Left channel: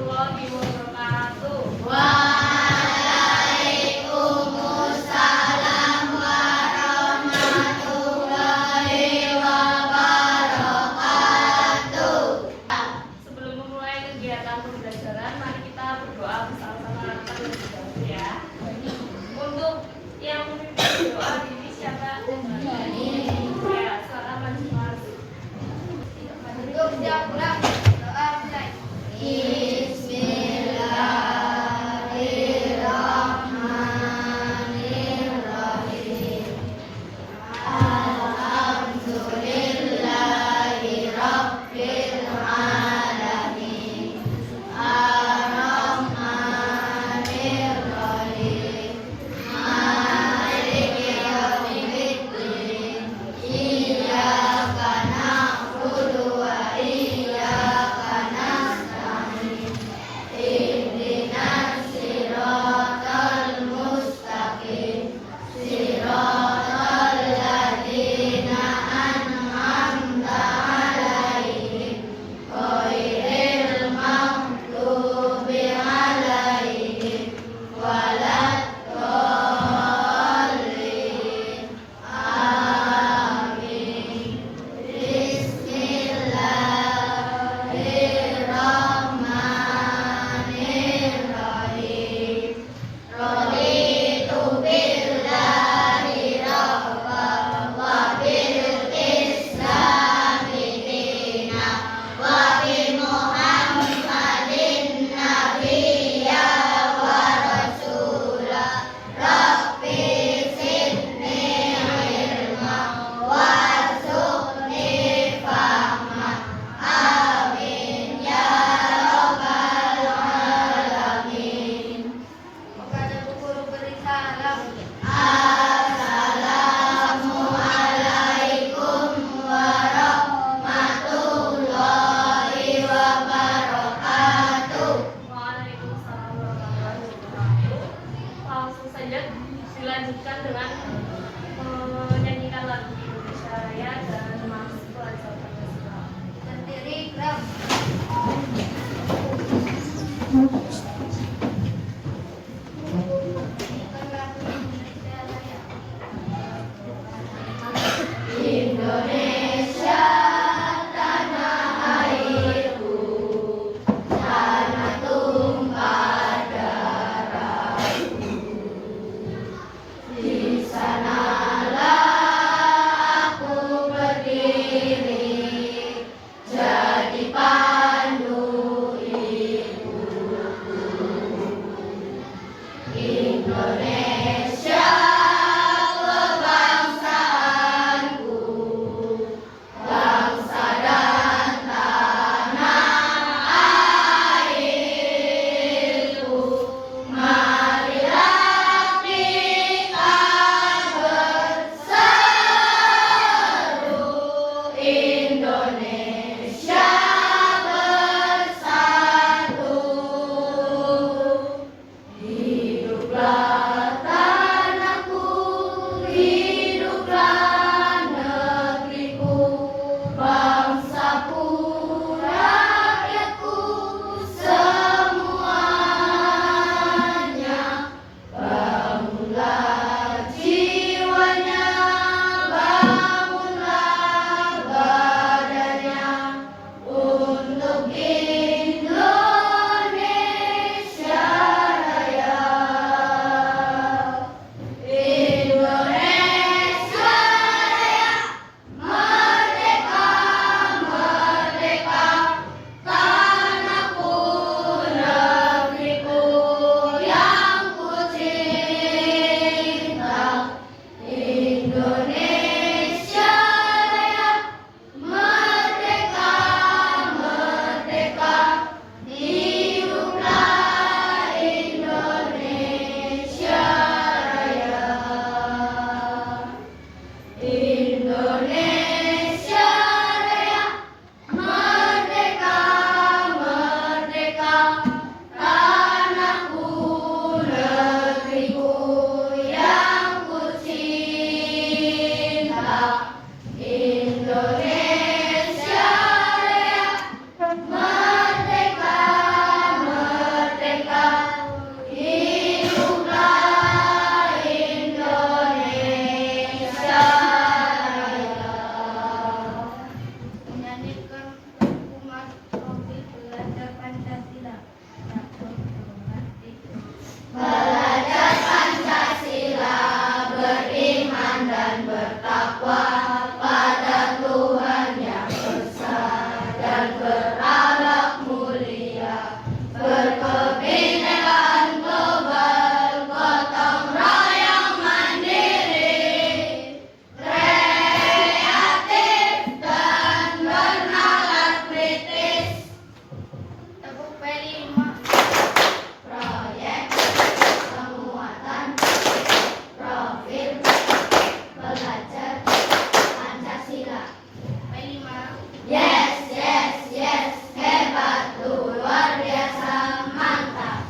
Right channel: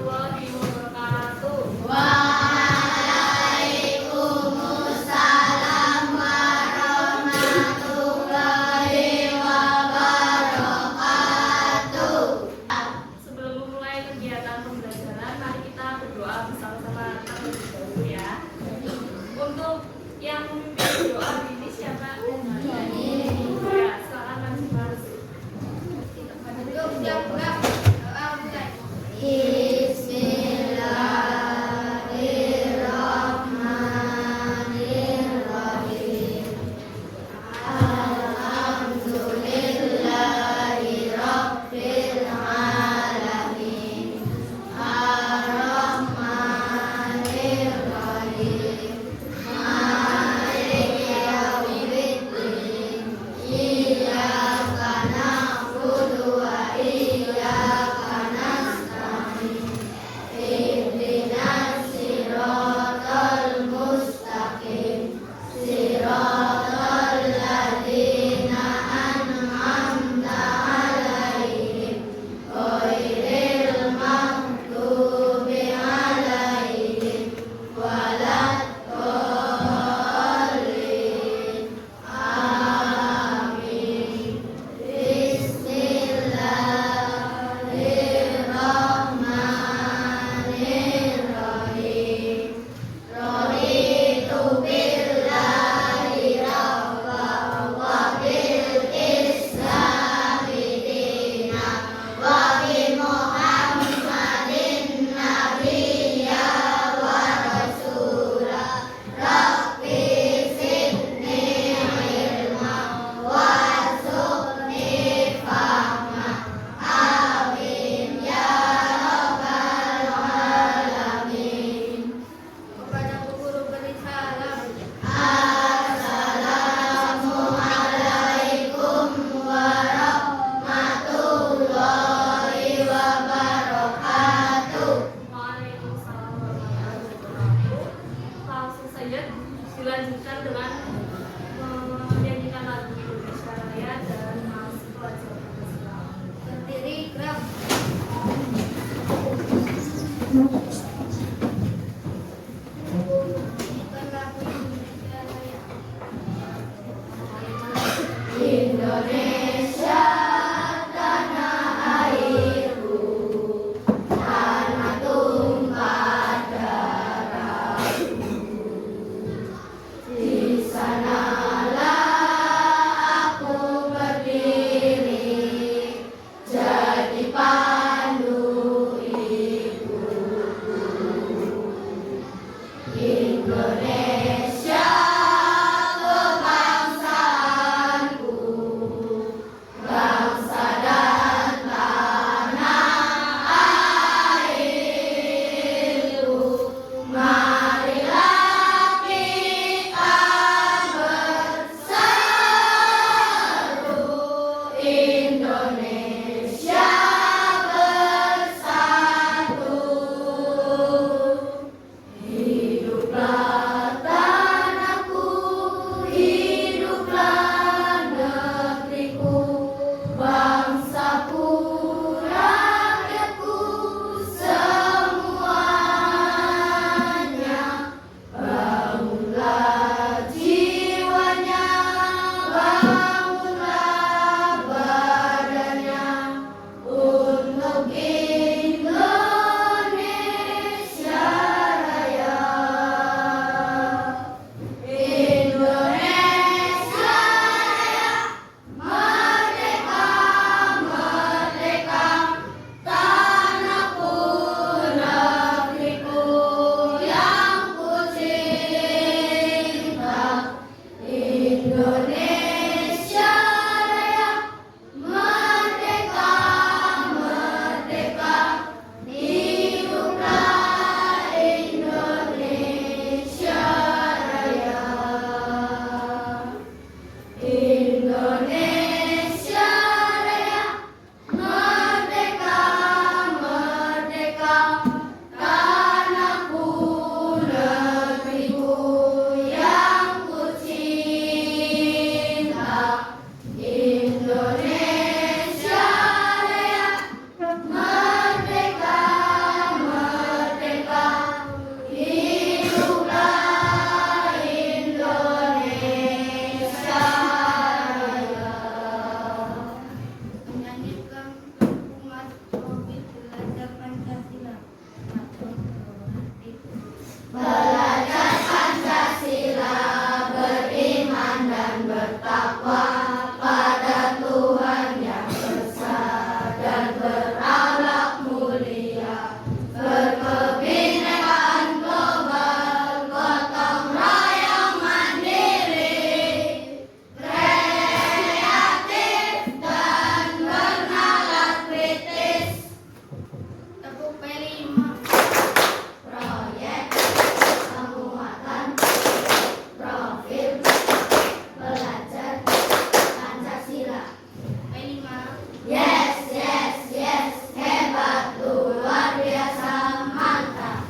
warahmatullahi wabarakatuh. Waalaikumsalam warahmatullahi wabarakatuh. Sebelum memulai kegiatan pembelajaran, mari kita berdoa bersama-sama terlebih dahulu ya. Untuk yang memimpin doa ini siapa? Ya, silakan Mas Mas. Untuk siap doa mulai. Bismillahirrahmanirrahim. Alhamdulillahirabbil alamin. Ar-Rahmanirrahim. Maliki yaumiddin. Iyyaka na'budu wa iyyaka nasta'in. Ihdinas siratal mustaqim. Siratal ladzina an'amta 'alaihim ghairil maghdubi 'alaihim waladdallin. Amin. Bismillahirrahmanirrahim. Raditu billahi rabban wa bil islami dinan wa bi Muhammadin nabiyya wa rasula. Rabbi zidni ilma warzuqni fahma. Amin ya rabbal alamin. Kepada guru beri salam. Assalamualaikum warahmatullahi wabarakatuh. Waalaikumsalam warahmatullahi wabarakatuh. Langsung saja dilanjutkan dengan menyanyikan lagu Indonesia Raya dan Mas Pelajar Pancasila. Berdiri gerak. Indonesia tanah airku, tanah tumpah darahku. Di sanalah aku berdiri, jadi pandu ibu. melanjutkan hukuman topik belajar Pancasila. Belajar Pancasila, beriman dan bertakwa pada Tuhan yang besar dan berakhlak mulia, berkebinekaan global, gotong royong mandiri, kreatif dan bernalar kritis. Tepuk P5. Proyek penguatan profil belajar Pancasila. P5. Yes, yes, yes, hebat, luar biasa, mantap.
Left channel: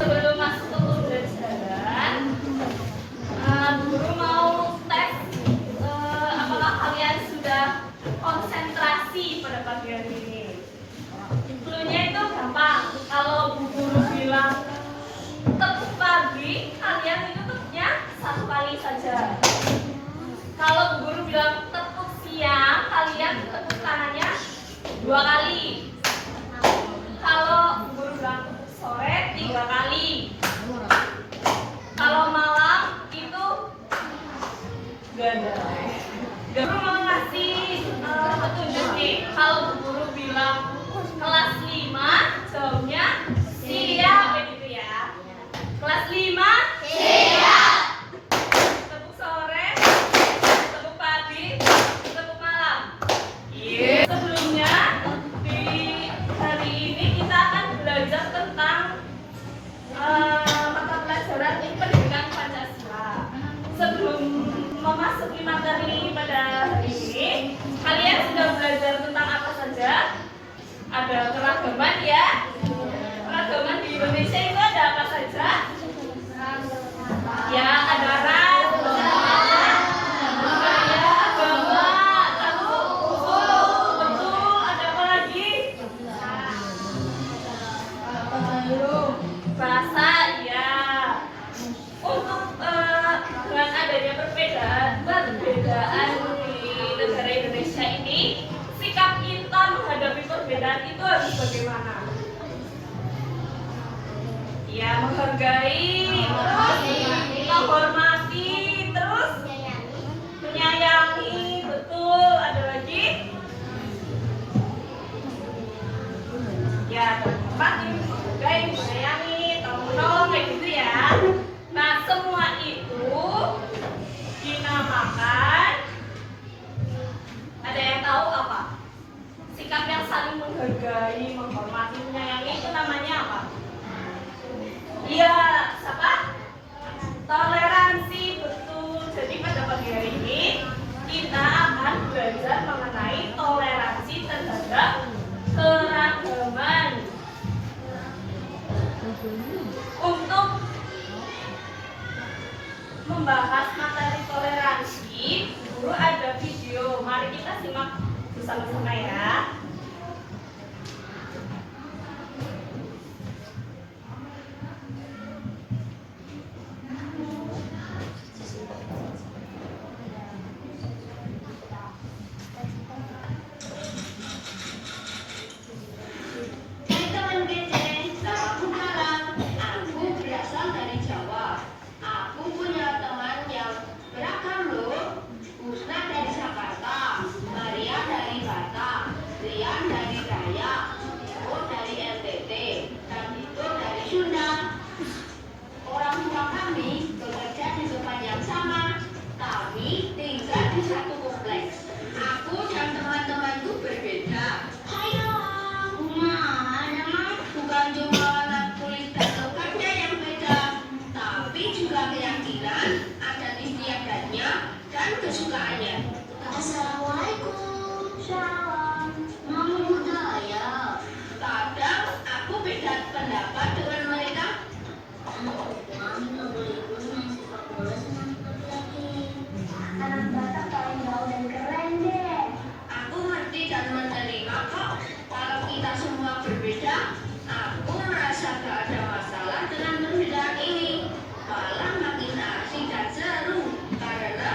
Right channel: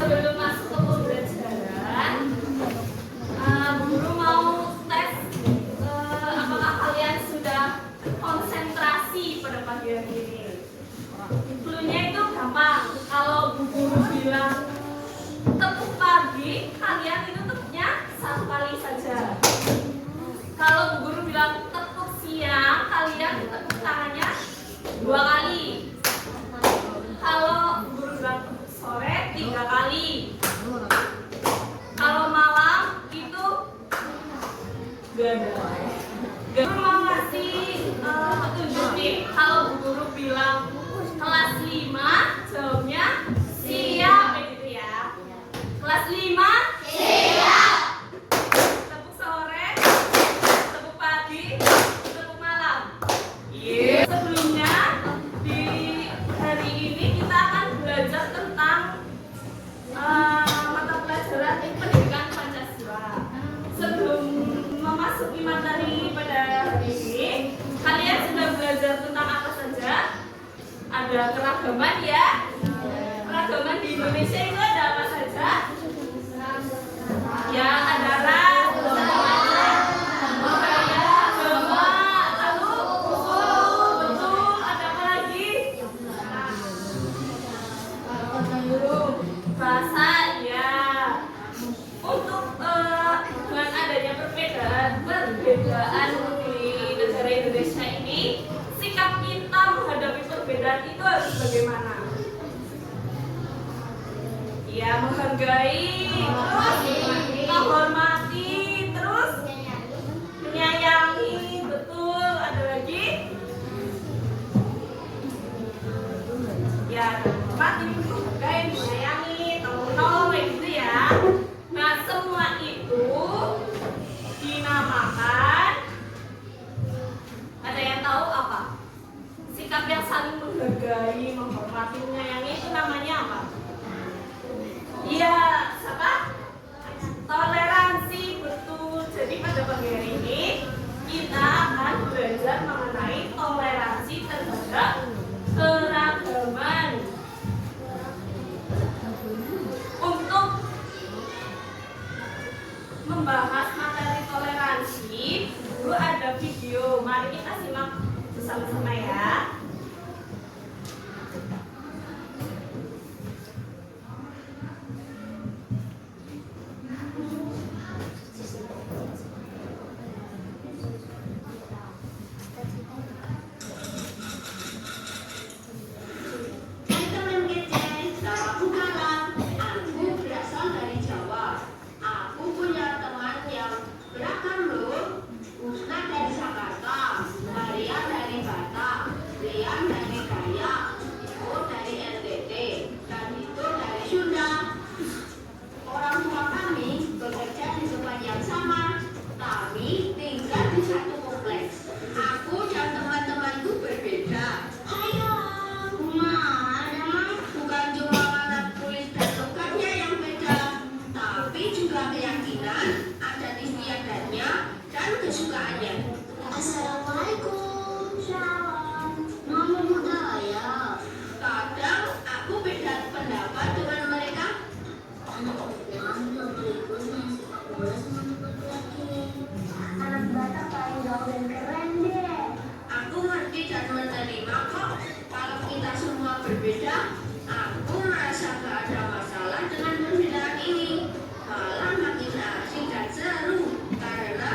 Sebelum masuk ke pembelajaran, guru mau tes apakah kalian sudah konsentrasi pada pagi hari ini. Cluenya itu gampang. Kalau bu guru bilang tepuk pagi, kalian itu tepuknya satu kali saja. Kalau bu guru bilang tepuk siang, kalian tepuk tangannya 2 kali. Kalau bu guru bilang tepuk sore 3 kali. Kalau malam itu gak ada. Guru mau ngasih petunjuk nih. Kalau bu guru bilang kelas 5, jawabnya siap, begitu ya. Kelas 5 siap. Tepuk sore, tepuk pagi, tepuk malam. Iya. Sebelumnya di hari ini kita akan belajar tentang mata pelajaran pendidikan Pancasila. Sebelum memasuki materi ini pada hari ini, kalian sudah belajar tentang apa saja? Ada keragaman ya. Keragaman di Indonesia itu ada apa saja? Ya, ada ras, budaya, agama, lalu usul, betul, ada apa lagi? Bahasa, ya. Untuk dengan adanya perbedaan di negara Indonesia ini, sikap kita menghadapi perbedaan itu harus bagaimana? Ya, menghargai, terus menghormati, terus menyayangi, betul. Ada lagi? Ya, tempat ini menghargai, menyayangi, tolong-tolong kayak gitu ya. Nah, semua itu dinamakan, ada yang tahu apa? Sikap yang saling menghargai, menghormati, menyayangi itu namanya apa? Iya, apa? Toleransi, betul. Jadi pada pagi hari ini kita akan belajar mengenai toleransi terhadap keragaman. Untuk membahas materi toleransi, guru ada video. Mari kita simak bersama-sama ya. Teman-teman kece, namaku Galang. Aku berasal dari Jawa. Aku punya teman yang beragam loh. Usna dari Jakarta, Maria dari Batam, Rian dari Dayak, Iwo dari NTT, dan itu dari Sunda. Orang tua kami bekerja di tempat yang sama. Kami tinggal di satu kompleks. Aku dan teman-temanku berbeda. Hai Galang, bukan cuma alat tulis dan tukarnya yang beda, tapi juga keyakinan, adat istiadatnya, dan kesukaannya. Assalamualaikum. Shalom. Mami budaya. Kadang aku beda pendapat dengan mereka. Mami nggak boleh ikut main sepak bola sama laki-laki. Anak Batak paling gaul dan keren deh. Aku ngerti dan menerima kok. Kalau kita semua berbeda, aku merasa gak ada masalah dengan perbedaan ini. Malah makin asik dan seru karena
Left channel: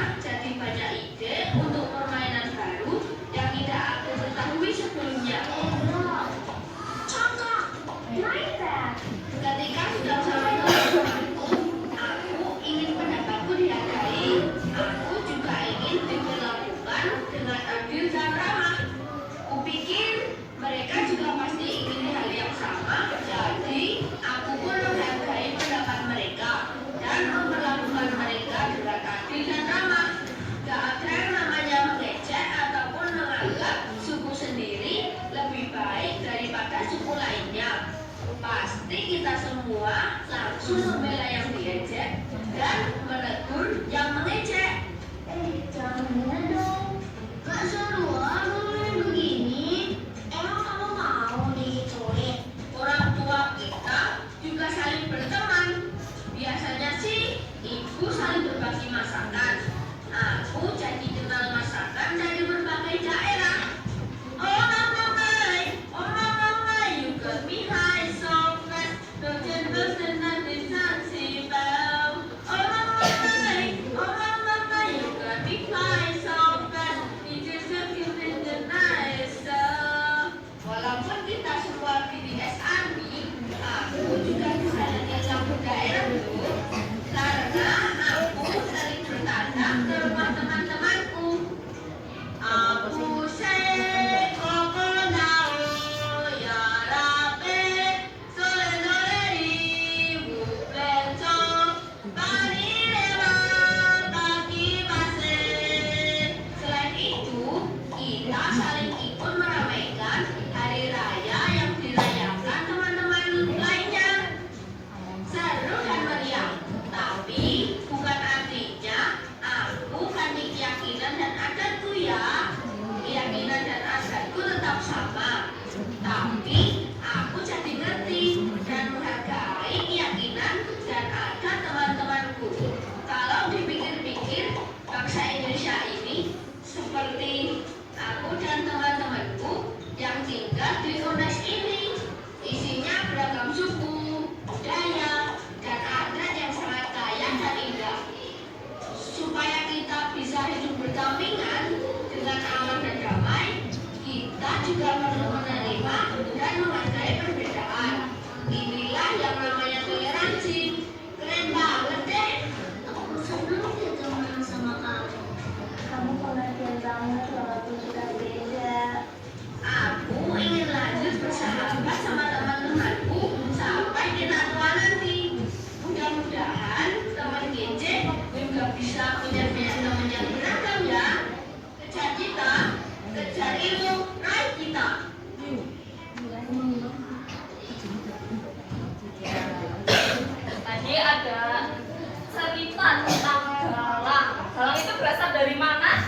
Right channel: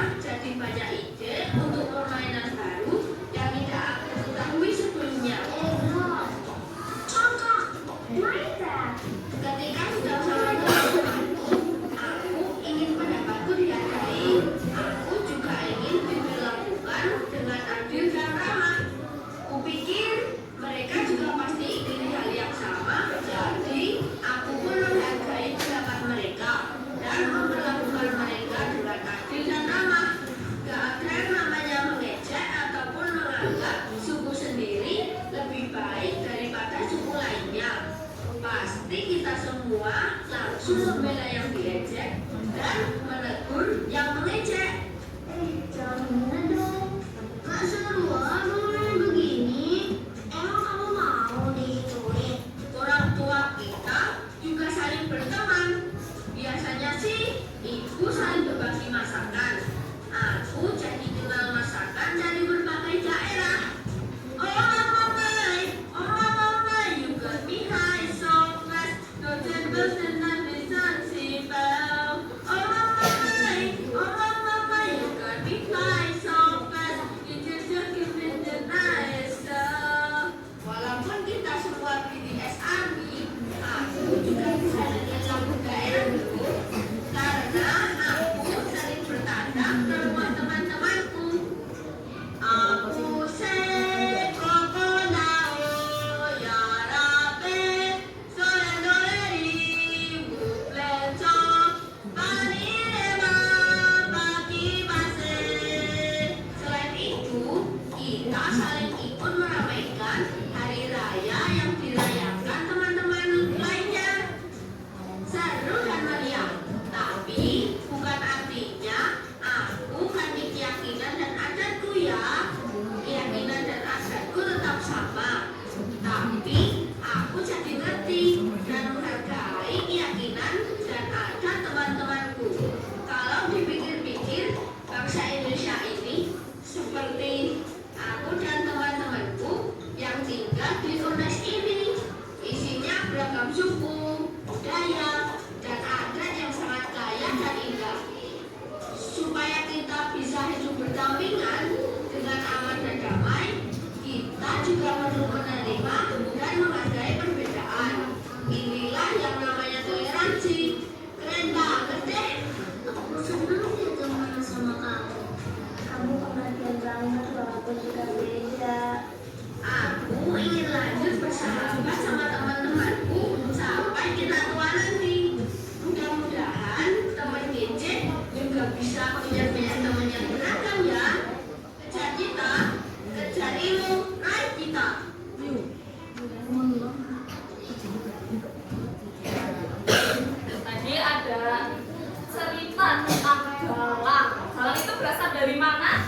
dari mana?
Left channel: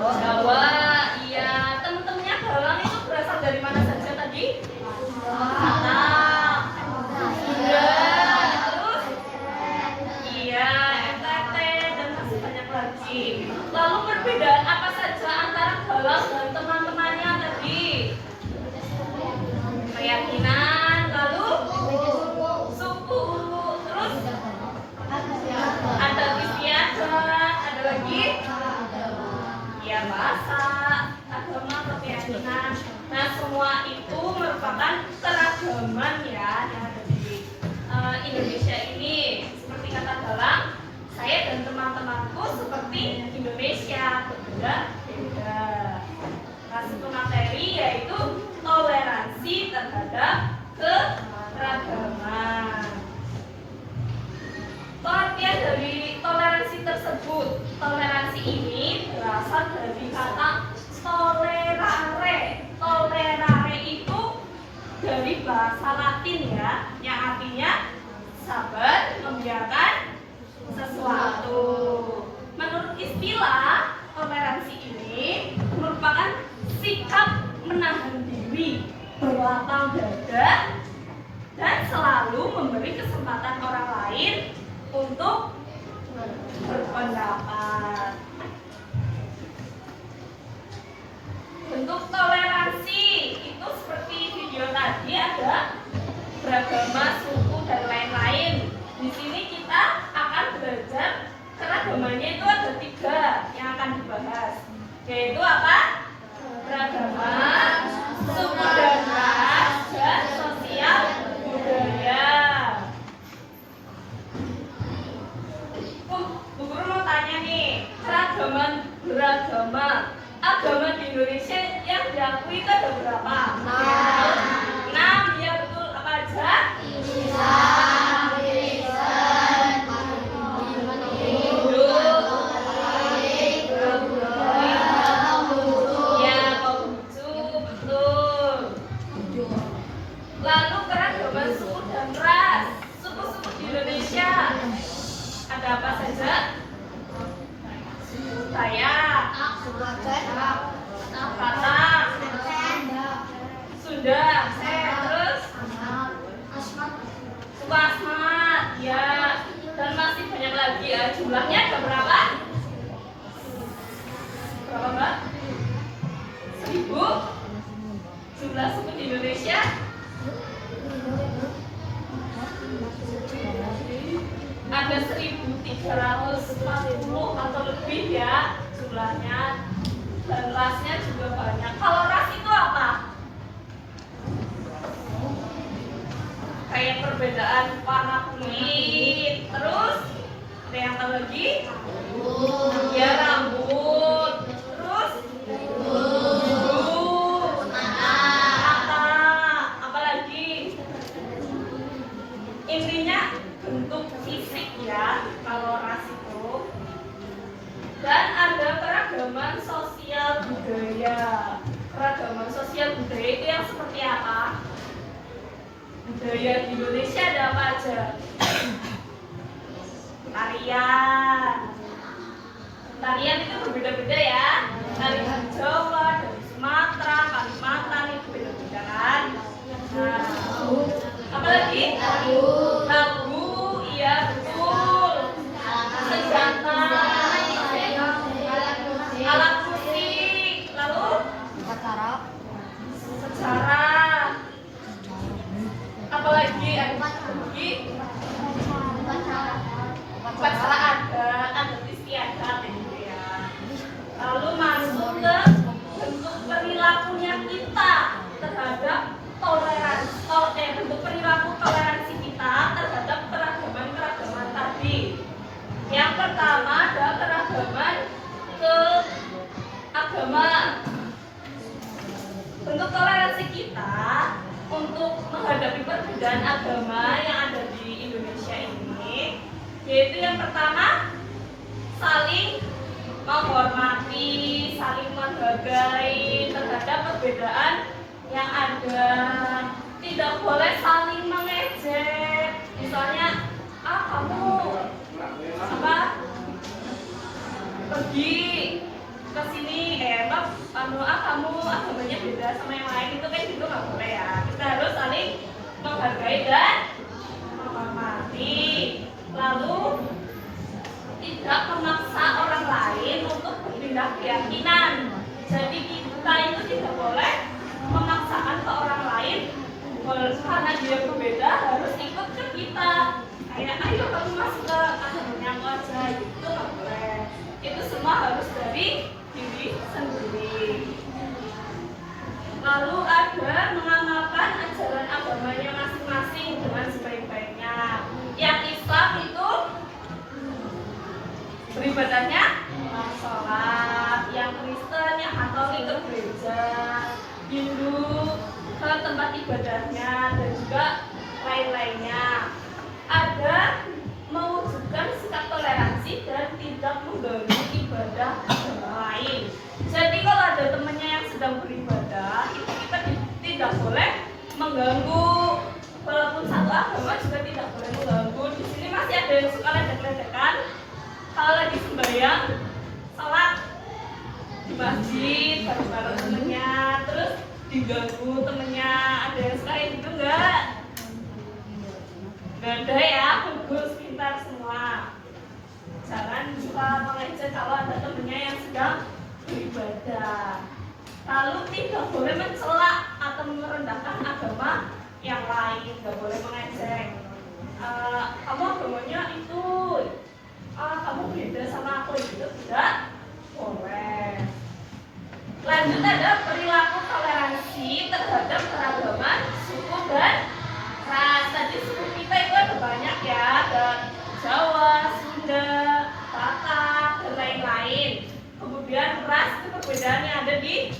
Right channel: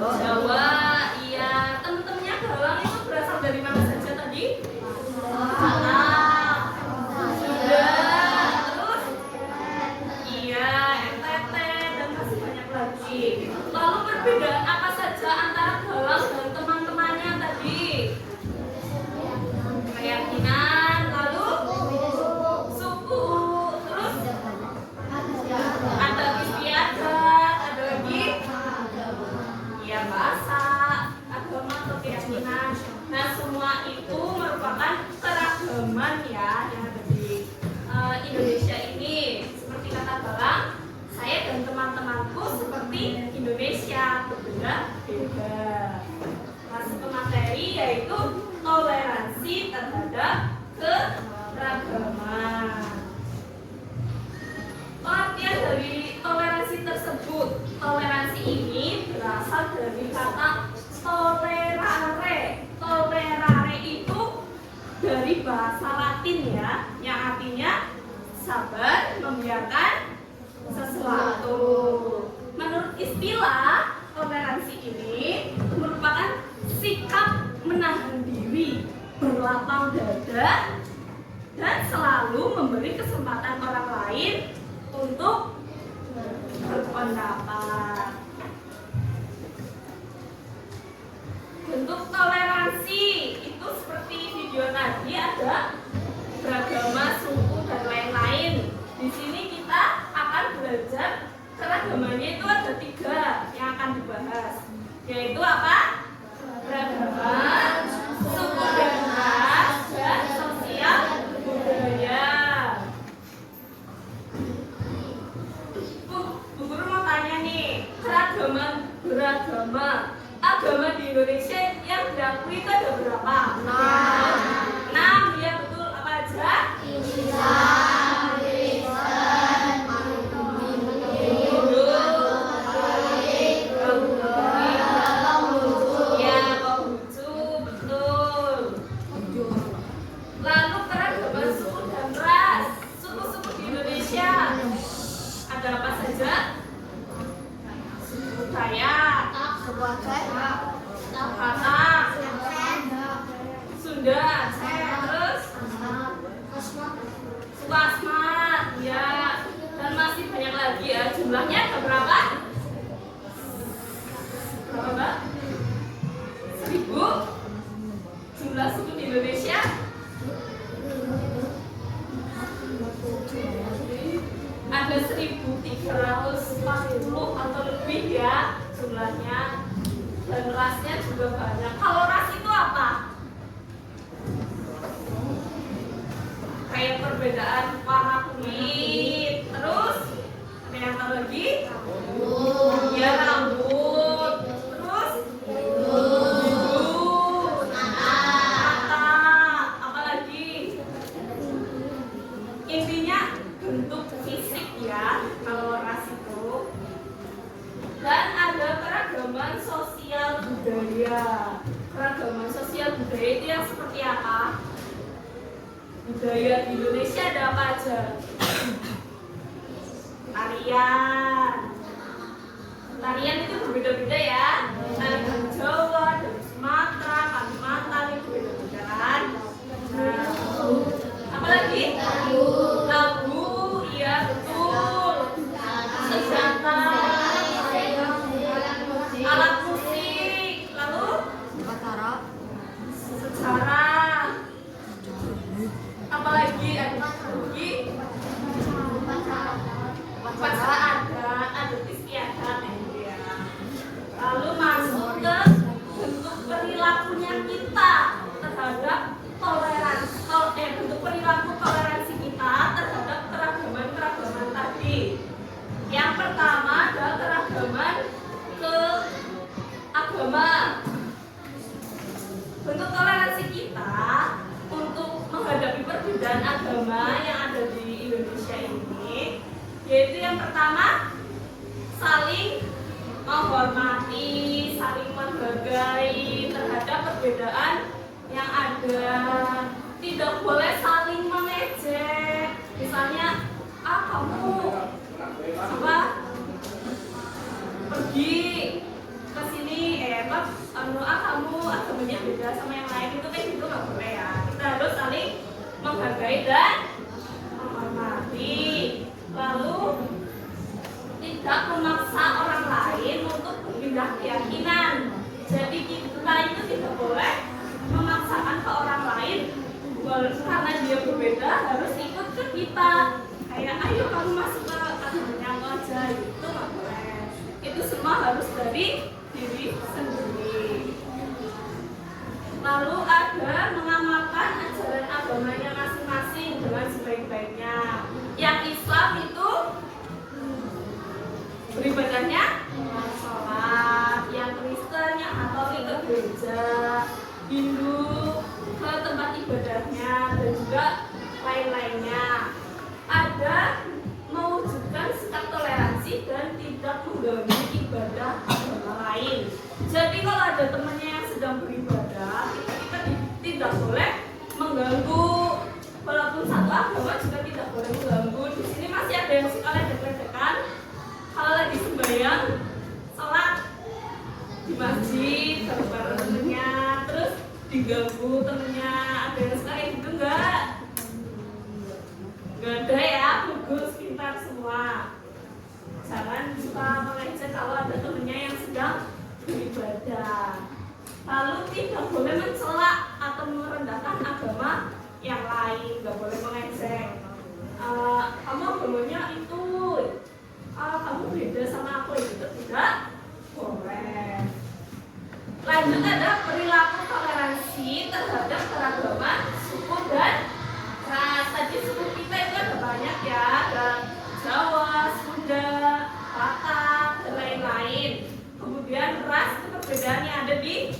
Jawa. Iya. Teman-temannya Galang itu berasal dari mana saja tadi? Batak, Sunda, terus iya, NTT dan masih banyak lagi. Lalu perbedaan apa saja antara Galang dan teman-temannya tadi? Keyakinan, lalu suku, terus ada istiadat, ada lagi ya bahasa, agama, keyakinan. Nah, semua itu merupakan keragaman ya yang ada di Indonesia ini. Seperti kata Galang, saya dan teman-temanku seperti Indonesia, berbeda-beda. Nah, satu materi yaitu toleransi terhadap keragaman. Pengertian dari toleransi tersebut, toleransi ini berasal dari kata tolerare. Tolerare itu dari bahasa Latin ya, yang artinya sabar membiarkan sesuatu. Menurut istilah, toleransi ini merupakan sikap menahan diri, berlapang dada, dan selalu memberi kesempatan orang lain untuk berpendapat. Bentuk toleransi itu seperti video tadi, ada beragama, suku, dan lain-lain. Di sini kita akan belajar keragamannya itu ada 3 yang akan dibahas, yaitu apa? Beragama, suku dan ras, dan sosial budaya. Bu Guru mau tanya nih, beragama agama di Indonesia yang diakui itu ada berapa? 6. Ya betul, apa aja? Islam, Kristen, Hindu, Katolik, Ya, Konghucu, betul. Lalu keragaman suku dan ras. Suku-suku di Indonesia ada apa saja? Suku Dayak, Batak, Sunda, terus suku Asmat, ya, dan masih banyak lagi ya. Jumlahnya ada berapa? Berapa, Mbak? 1000? Jumlah suku di Indonesia? Ada 1340 atau lebih ya jumlahnya, dan rasnya juga banyak. Kalau ras itu apa? Kayak perbedaan warna kulit, terus ada yang tahu lagi? Ya, rambut, terus mata, apa lagi? Intinya bentuk fisik ya kalau ras itu. Dan ada keragaman sosial budaya. Keragaman sosial budaya itu yang seperti apa? Budaya di Indonesia ada apa aja? Tarian. Tarian itu berbeda-beda ya. Tarian Jawa, dari Sumatera, Kalimantan itu beda-beda kan. Nah, apa lagi? Lagu, iya betul. Senjata, alat musik, lalu sejarah, apalagi upacara adat istiadat ya. Lalu masuk ke bentuk perilakunya kita terhadap bentuk perilaku toleransi kita terhadap keragaman tadi. Yang pertama adalah keragaman ke agama. Bentuk toleransi kita untuk menghadapi perbedaan agama yang ada di Indonesia ini, yaitu yang pertama saling menghormati, saling menghargai terhadap perbedaan yang ada. Tidak boleh saling mengejek. Misalnya, kamu pergi ke sini kamu agamanya beda sama yang lain itu kan gitu nggak boleh ya. Kita harus saling menghargai dan menghormati. Lalu tidak memaksa orang lain untuk berpindah keyakinan. Jadi kita itu tidak boleh memaksakan ke orang lain karena dia berbeda harus ikut ke kita. Kayak ayo kamu masuk ke agamanya aku aja gitu nggak boleh. Itu semua harus dari diri sendiri. Lalu ada mengamalkan ajaran agamanya masing-masing dengan sebaik-baiknya. Yang Islam itu beribadahnya sholat, yang Kristen, yang Katolik ke gereja, Hindu ke tempat ibadahnya, dan juga lain-lainnya. Ada mewujudkan sikap toleransi dan tidak mengganggu ibadah agama lain. Jadi kalau ada temannya yang sedang beribadah, itu kita tidak boleh mengganggu. Walaupun satu agama juga tidak boleh mengganggu. Di sini masih ada yang suka ledek-ledekan. Kalau lagi sembahyang, sholat di masjid bareng-bareng temennya, terus diganggu temennya. Ada yang suka kayak gitu enggak? Enggak ada ya, bagus, pintar semua. Jangan suka mengejek kalau ada temennya yang sedang beribadah. Lalu tidak boleh mencela atau merendahkan agama yang lain, nggak boleh mengejek. Kamu agamanya itu, kamu beda sama aku, itu tidak boleh. Lanjut ada perilaku toleransi terhadap keragaman suku dan ras. Tadi suku kita itu ada banyak ya, ada Jawa, Sunda, Batak, dan lain-lain. Kemudian ras itu perbedaan yang ada di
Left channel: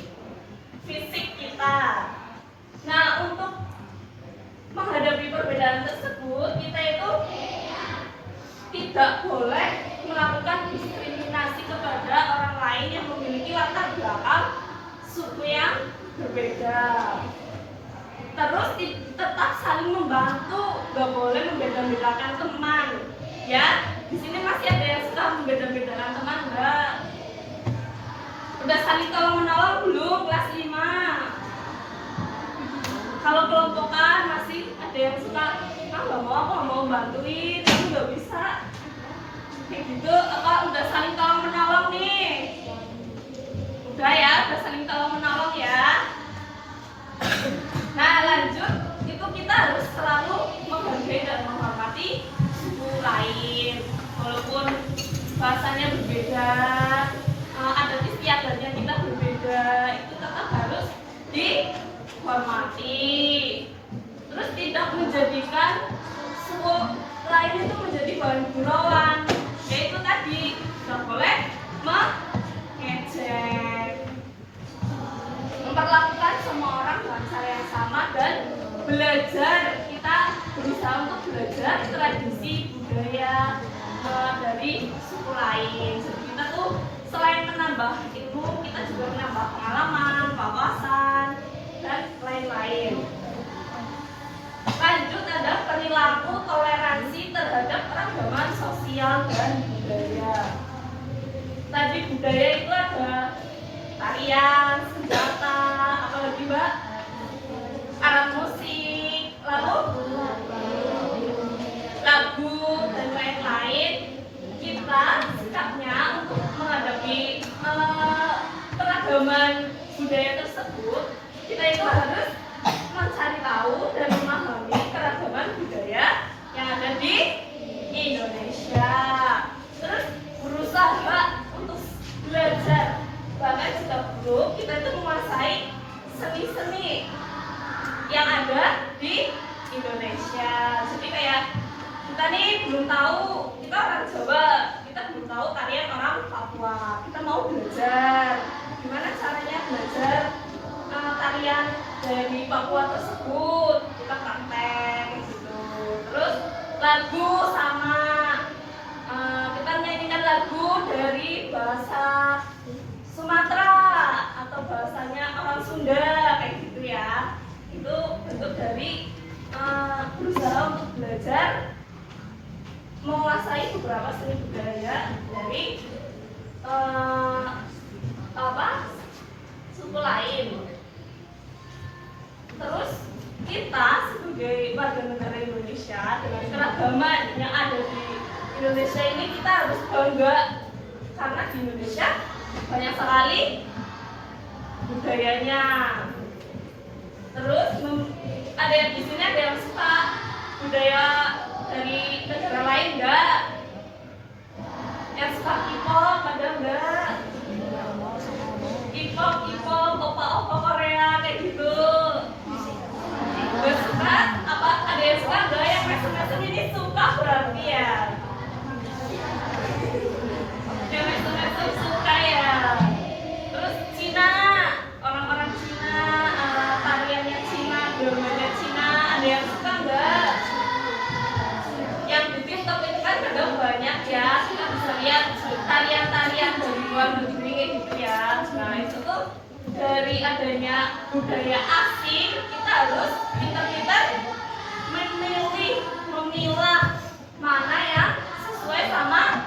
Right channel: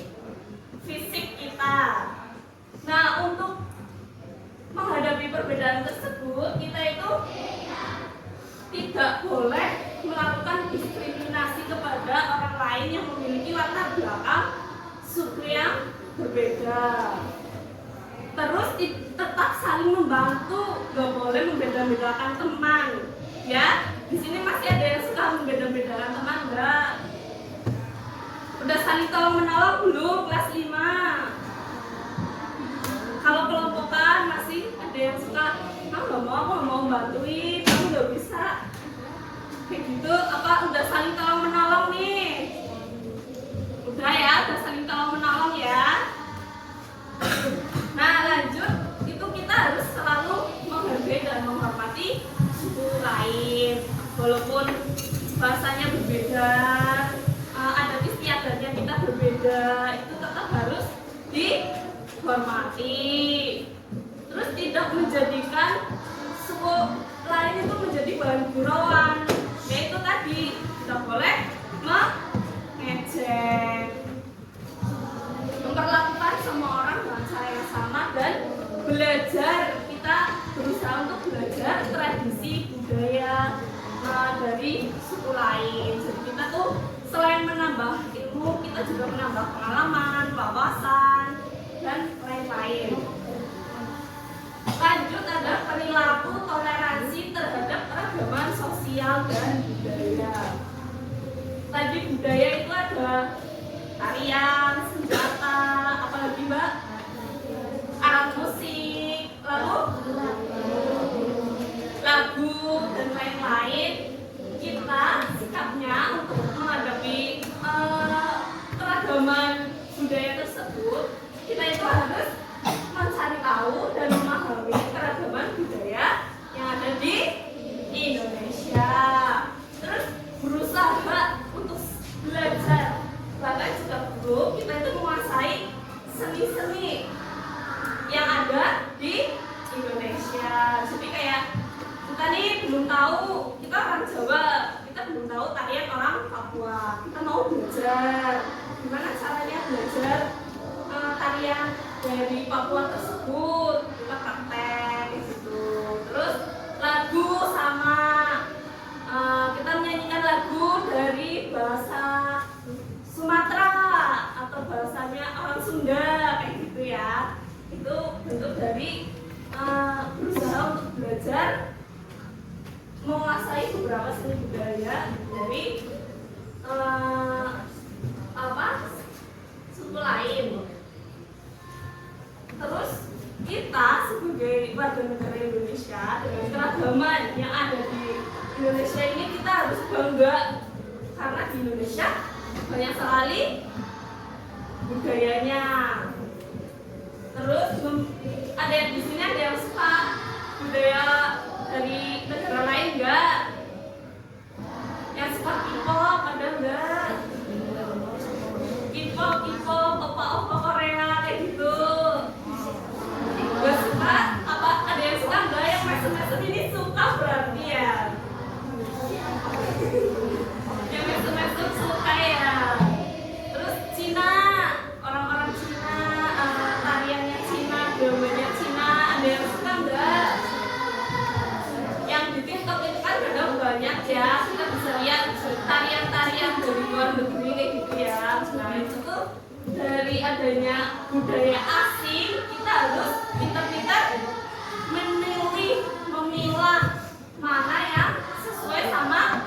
fisik kita. Nah, untuk menghadapi perbedaan tersebut, kita itu tidak boleh melakukan diskriminasi kepada orang lain yang memiliki latar belakang suku yang berbeda. Terus tetap saling membantu, gak boleh membeda-bedakan teman. Ya, di sini masih ada yang suka membeda-bedakan teman, enggak? Udah saling tolong menolong belum kelas 5? Kalau kelompokan masih ada yang suka, aku nggak mau bantuin, kamu nggak bisa. Kayak gitu, apa udah saling tolong menolong nih? Udah ya, udah saling tolong menolong ya. Nah lanjut, itu kita harus selalu menghargai dan menghormati suku lain, walaupun bahasanya berbeda, adat istiadatnya kita berbeda, itu tetap harus dihormati. Terus tidak menjadikan suku lain itu menjadi bahan gurauan, yaitu tadi tidak boleh mengejek, memperlakukan semua orang dengan cara yang sama, dan belajar. Kita berusaha untuk belajar tradisi budaya dari suku lain. Jadi kita tuh selain menambah ilmu, kita juga menambah pengalaman, wawasan, dan lain-lain. Lanjut ada perilaku toleransi terhadap keragaman sosial dan budaya. Tadi budaya itu ada tarian, senjata, apalagi mbak? Alat musik, lalu lagu, dan lain-lain. Kita sikapnya untuk menghadapi keragaman budaya tersebut, kita itu harus mencari tahu dan memahami keragaman budaya yang ada di Indonesia. Terus berusaha untuk belajar, bahkan jika perlu kita itu menguasai seni-seni yang ada di Indonesia. Jadi kayak kita nih belum tahu, kita orang Jawa, kita belum tahu tarian orang Papua. Kita mau belajar gimana caranya belajar tarian dari Papua tersebut, kita praktek gitu. Terus lagu sama, kita menyanyikan lagu dari bahasa Sumatera atau bahasanya orang Sunda kayak gitu ya. Itu bentuk dari berusaha untuk belajar menguasai beberapa seni budaya dari banyak sekali budayanya. Terus ada yang di sini ada yang suka budaya dari negara lain enggak? Yang suka K-pop ada enggak? K-pop, opa-opa Korea kayak gitu. Enggak suka? Apa ada yang suka enggak? Yang mesem-mesem ini suka berarti ya. Yang mesem-mesem suka ya. Terus Cina, orang-orang Cina, tariannya Cina, dramanya Cina, ada yang suka enggak? Yang di TikTok itu kan kadang banyak ya, kita bisa lihat tarian-tarian dari luar negeri kayak gitu ya. Nah itu tuh dari adanya budaya asing, kita harus pintar-pintar memilah mana yang sesuai sama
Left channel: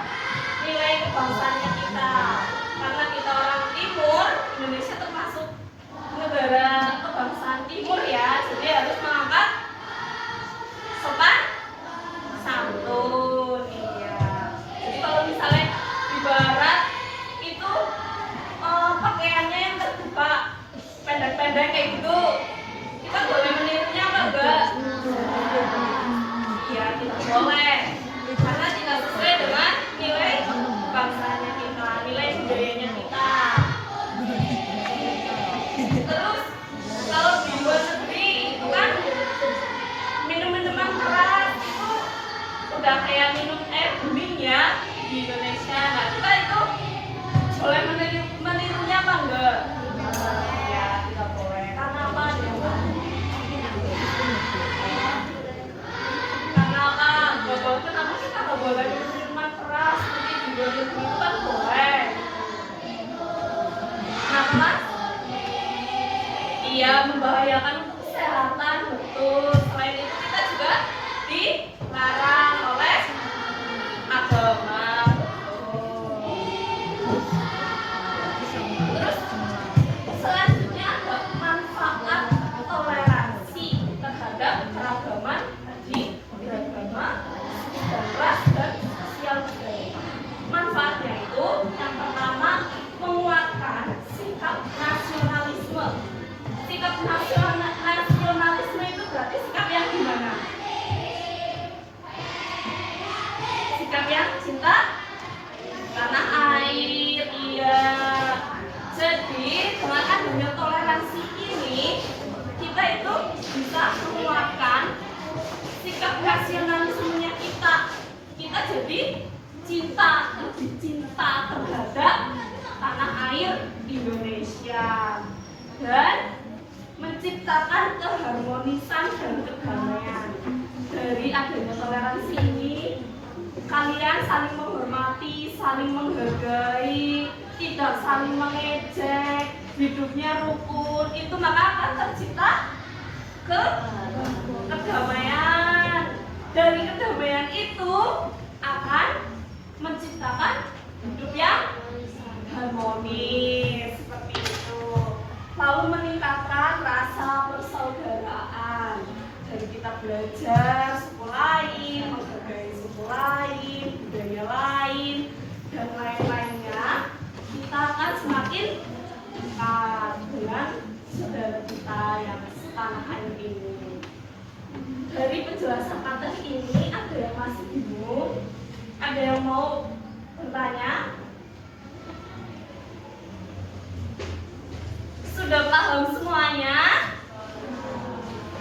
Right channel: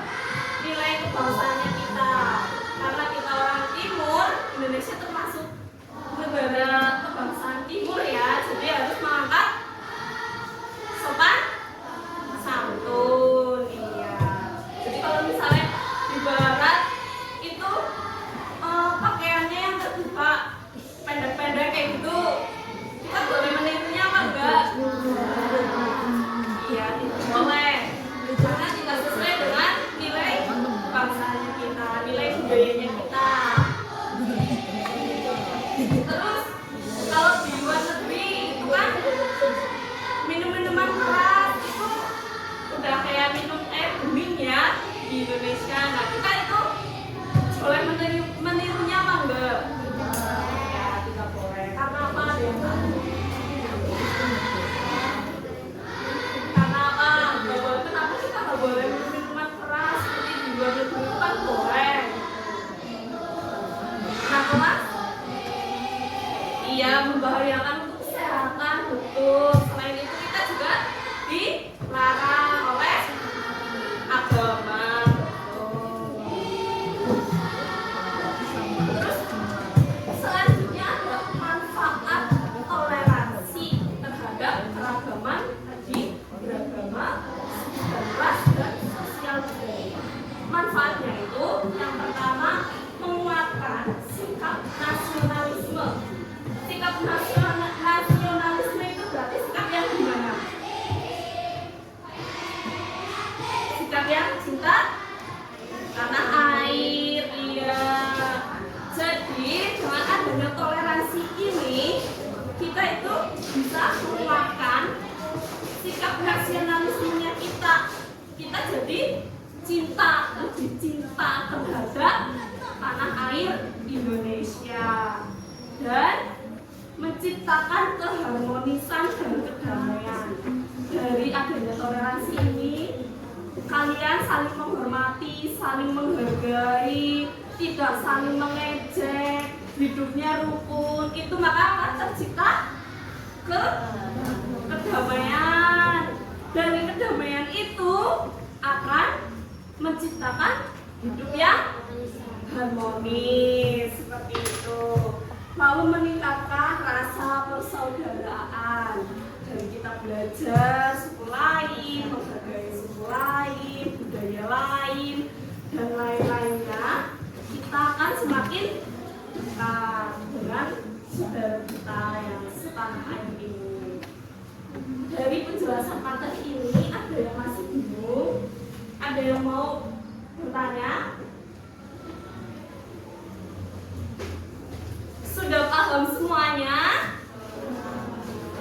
nilai kebangsaannya kita. Karena kita orang timur, Indonesia termasuk negara kebangsaan timur ya, jadi harus mengangkat sopan santun. Iya. Jadi kalau misalnya di barat itu pakaiannya yang terbuka pendek-pendek kayak gitu, kita boleh menirunya apa enggak? Iya, tidak boleh, karena tidak sesuai dengan nilai kebangsaannya kita, nilai budayanya kita. Terus kalau di luar negeri itu kan minum-minuman keras itu udah kayak minum air bening ya di Indonesia. Nah kita itu boleh menirunya apa enggak? Ya tidak boleh. Karena apa? Karena apa? Enggak boleh. Kenapa kita enggak boleh minum minuman keras seperti di luar negeri itu kan boleh? Kenapa mas? Iya, membahayakan untuk kesehatan, betul. Selain itu kita juga dilarang oleh agama, betul. Terus selanjutnya ada manfaat toleransi terhadap keragaman tadi, beragama, ras dan sosial budaya. Manfaatnya itu yang pertama menguatkan sikap nasionalisme. Sikap nasionalisme itu berarti sikap yang gimana? Sikap yang cinta tanah air, iya. Jadi dengan adanya toleransi ini kita itu bisa menguatkan sikap nasionalismenya kita. Kita jadi lebih cinta terhadap tanah air Indonesia dan menciptakan keharmonisan dan kedamaian. Dari adanya toleransi ini, kalian saling menghormati, saling menghargai, tidak saling mengejek, hidupnya rukun, itu maka akan tercipta kedamaian. Dari kedamaian itu akan menciptakan hidup yang harmonis, seperti itu. Lalu meningkatkan rasa persaudaraan. Dari kita belajar suku lain, menghargai suku lain, budaya lain, dan lain-lainnya, kita akan semakin dekat dengan saudara kita yang setanah air ini. Dari penjelasan materi ini, ada yang masih bingung? Ada yang mau bertanya? Sudah paham semuanya?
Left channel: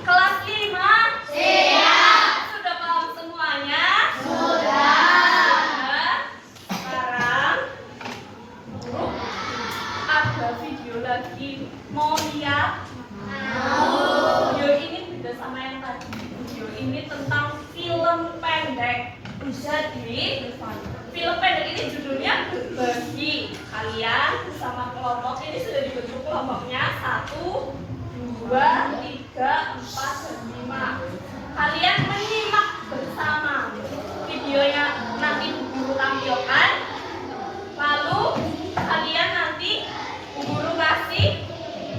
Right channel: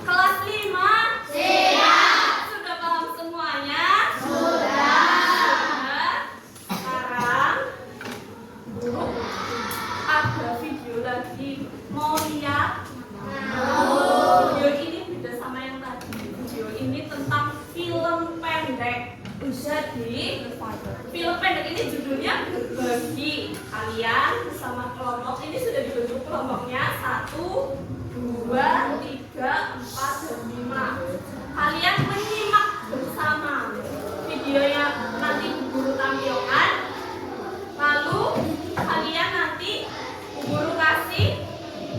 Kelas 5? Siap. Sudah paham semuanya? Sudah. Sekarang guru ada video lagi. Mau lihat? Video ini beda sama yang tadi. Video ini tentang film pendek. Jadi film pendek ini judulnya Berbagi. Kalian bersama kelompok ini sudah dibentuk kelompoknya 1, 2, 3, 4, dan 5. Kalian menyimak bersama videonya nanti guru tampilkan. Lalu kalian nanti guru kasih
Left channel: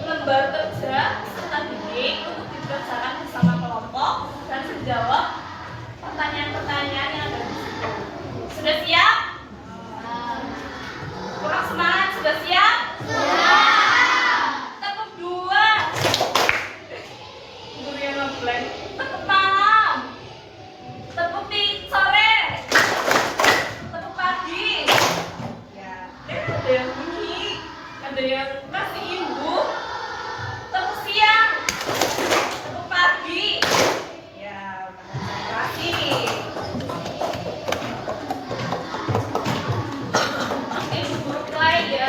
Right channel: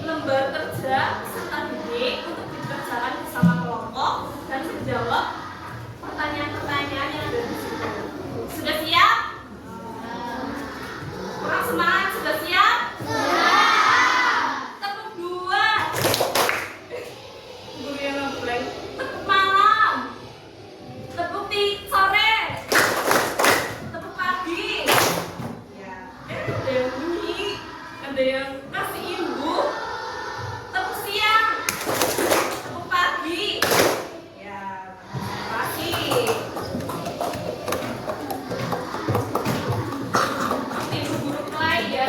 lembar kerja serta bidik untuk dikerjakan bersama kelompok dan menjawab pertanyaan-pertanyaan yang ada di situ. Sudah siap? Kurang semangat, sudah siap? Ada yang kasih ibu tepuk siang, tepuk pagi, ya tepuk pagi. Ibu guru mulai ya.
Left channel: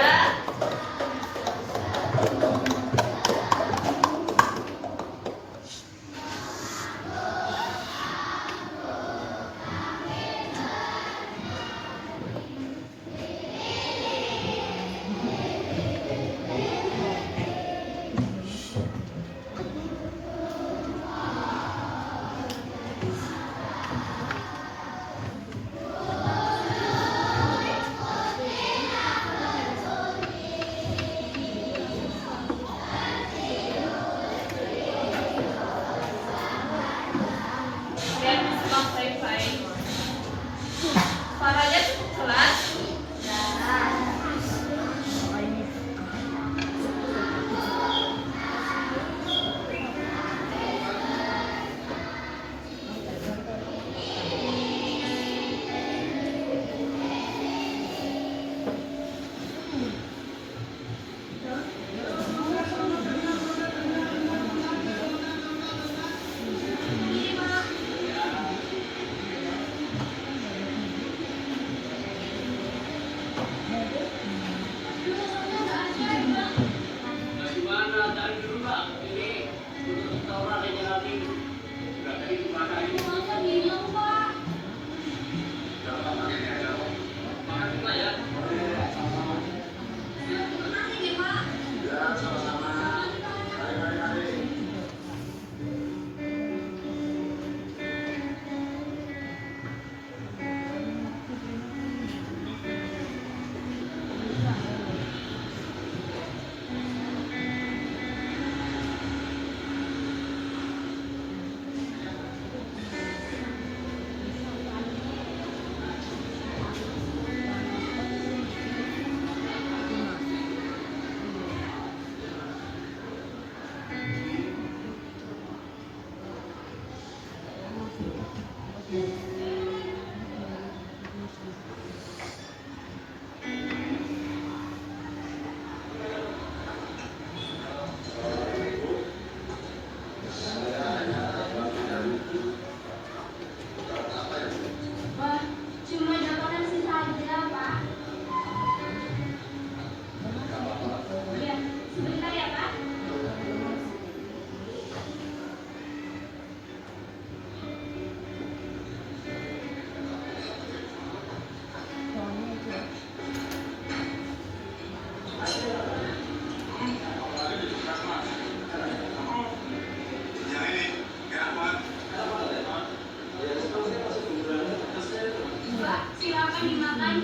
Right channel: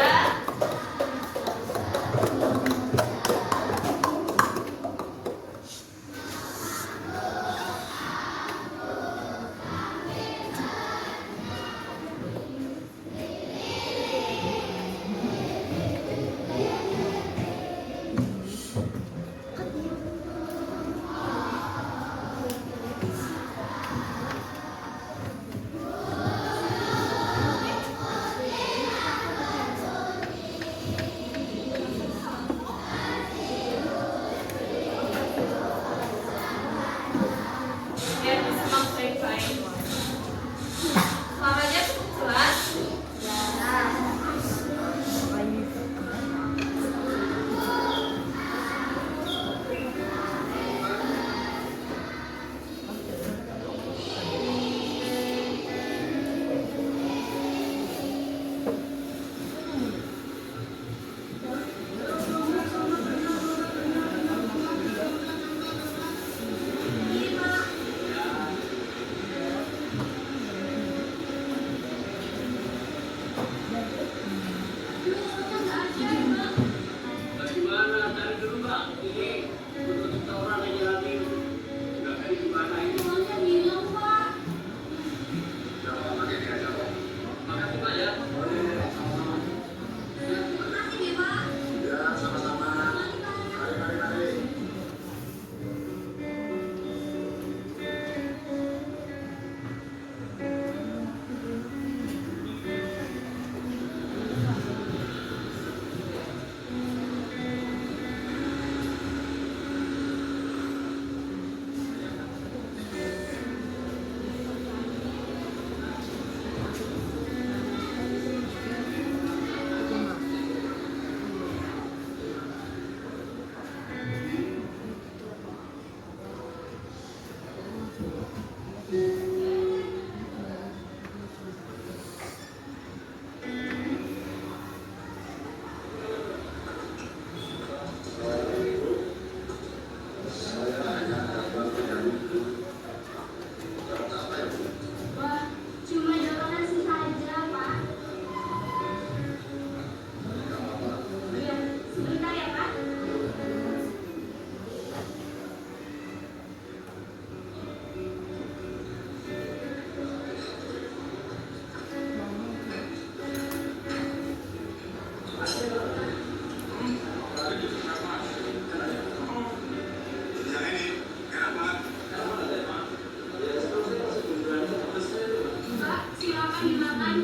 Ya, disimak baik-baik. Suaranya cukup jelas. Gimana dari dulu Pak? Ini untuk kita orang yang jalanin nggak kayak gimana ini? Berapa pakai ini aja kok? Makasih Pak ya. Ya sama-sama. Mari. Cuma dapat nasi saja, Pak. Ya, sebentar ya, Pak. Mbak, silakan dimakan.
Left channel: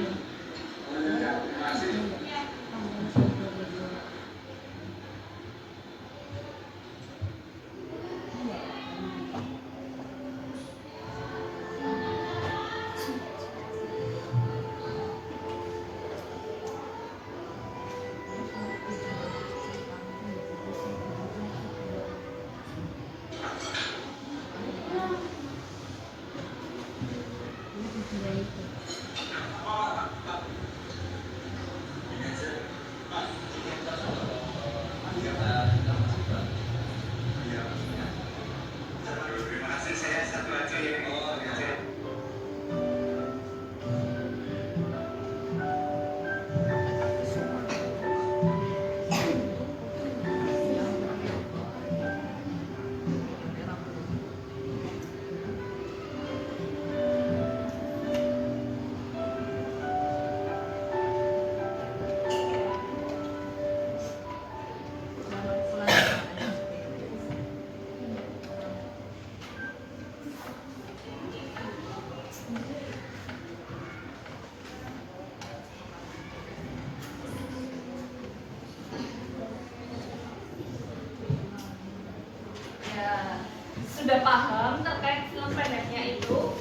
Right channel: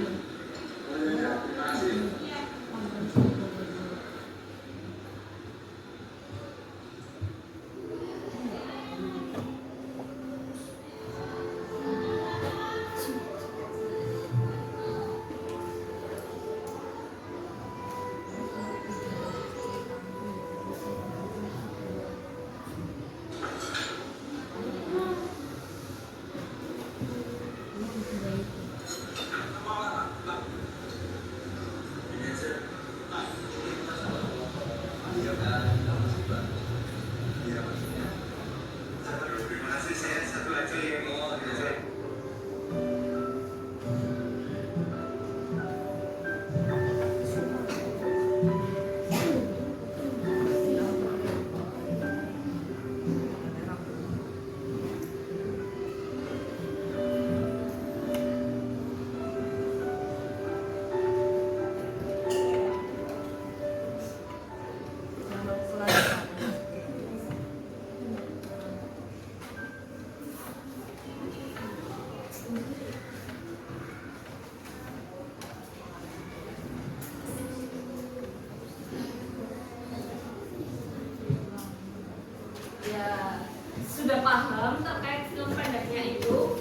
Ya. Sudah paham terkait film pendeknya itu?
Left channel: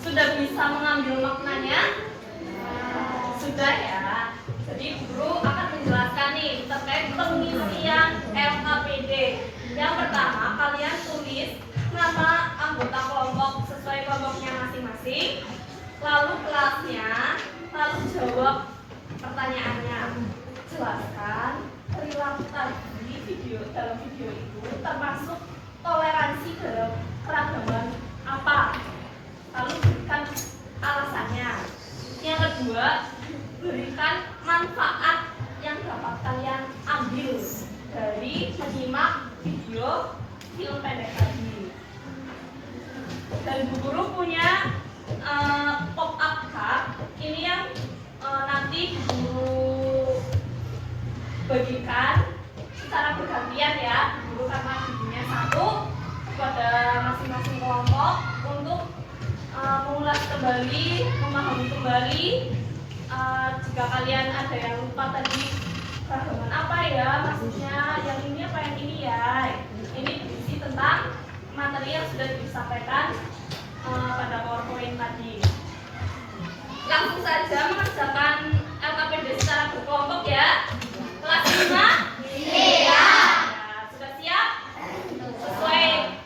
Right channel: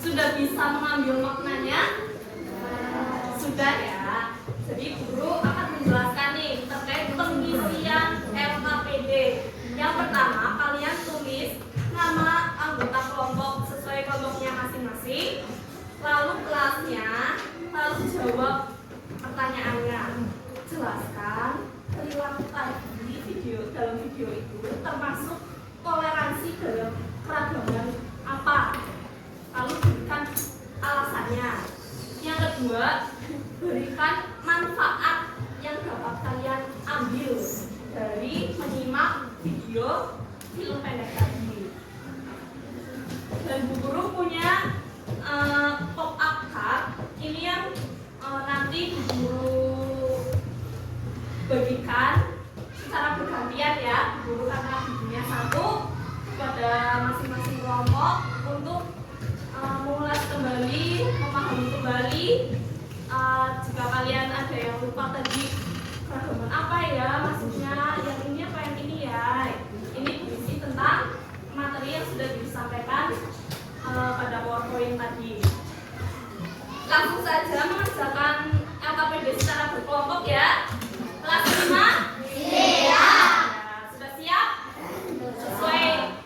Sudah bisa mengambil maknanya? Sudah ya. Jadi guru akan menjelaskan nih terkait pengisian LKPD. Yang pertama, kalian tulis nama anggota kelompok sesuai kelompoknya masing-masing, lalu kelasnya, lalu jawab pertanyaannya. menjelaskan perilaku tadi dalam video itu termasuk toleransi dalam keragaman apa. Lalu berikan alasannya. Yang kedua, berikan manfaat yang dapat kalian ambil dari menyimak video film pendek tadi. Dan Bu Guru punya pop up card ini yang nanti Bu Guru bagikan secara bergantian ya, Bu Guru, karena videonya satu pada masing-masing kelompok untuk mengulas kembali, memahami kembali. Jika kalian ada yang lupa tadi keragaman apa ya maksudnya, yang ini apa yang ini ya, ini berisi tentang materi yang sudah disampaikan pada PowerPoint tadi. Langsung saja mengerjakan LKPD secara berkelompok ya. Kelas 5? Iya. Sudah siap? Sesuai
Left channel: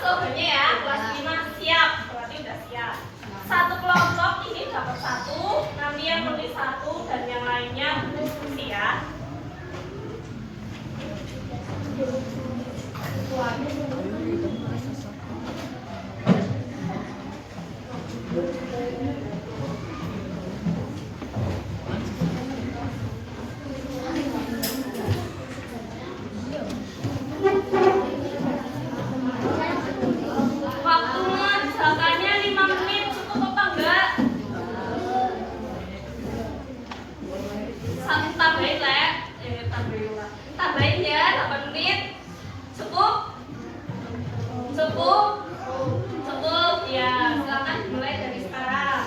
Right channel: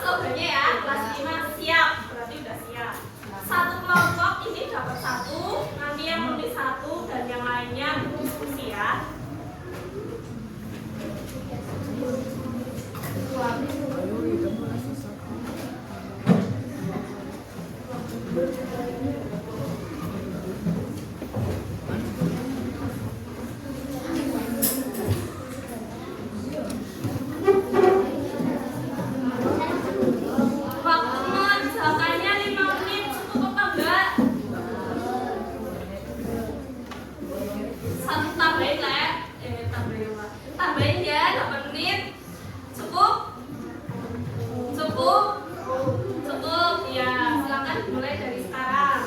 slogannya ya. Kelas 5 siap, berarti sudah siap. Satu kelompok ini dapat 1, nanti yang menulis 1 dan yang lainnya berdiskusi ya. Waktu mengerjakannya 5 menit cukup apa enggak? Satu tambahin lah ya. Tambahin ya 8 menit. Cukup? Cukup? Cukup ya, silakan dimulai dari sekarang.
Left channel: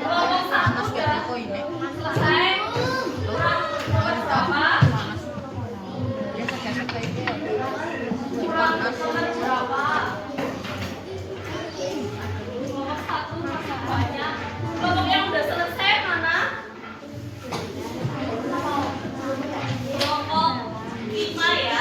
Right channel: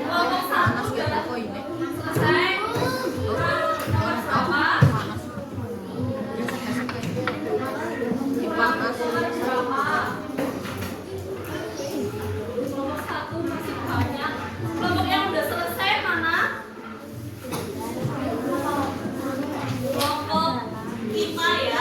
Kelompok satu udah selesai. Kurang berapa? Kurang berapa? Kelompok satu masih banyak. Kelompok yang udah selesai mana? Kelompok 5 ya.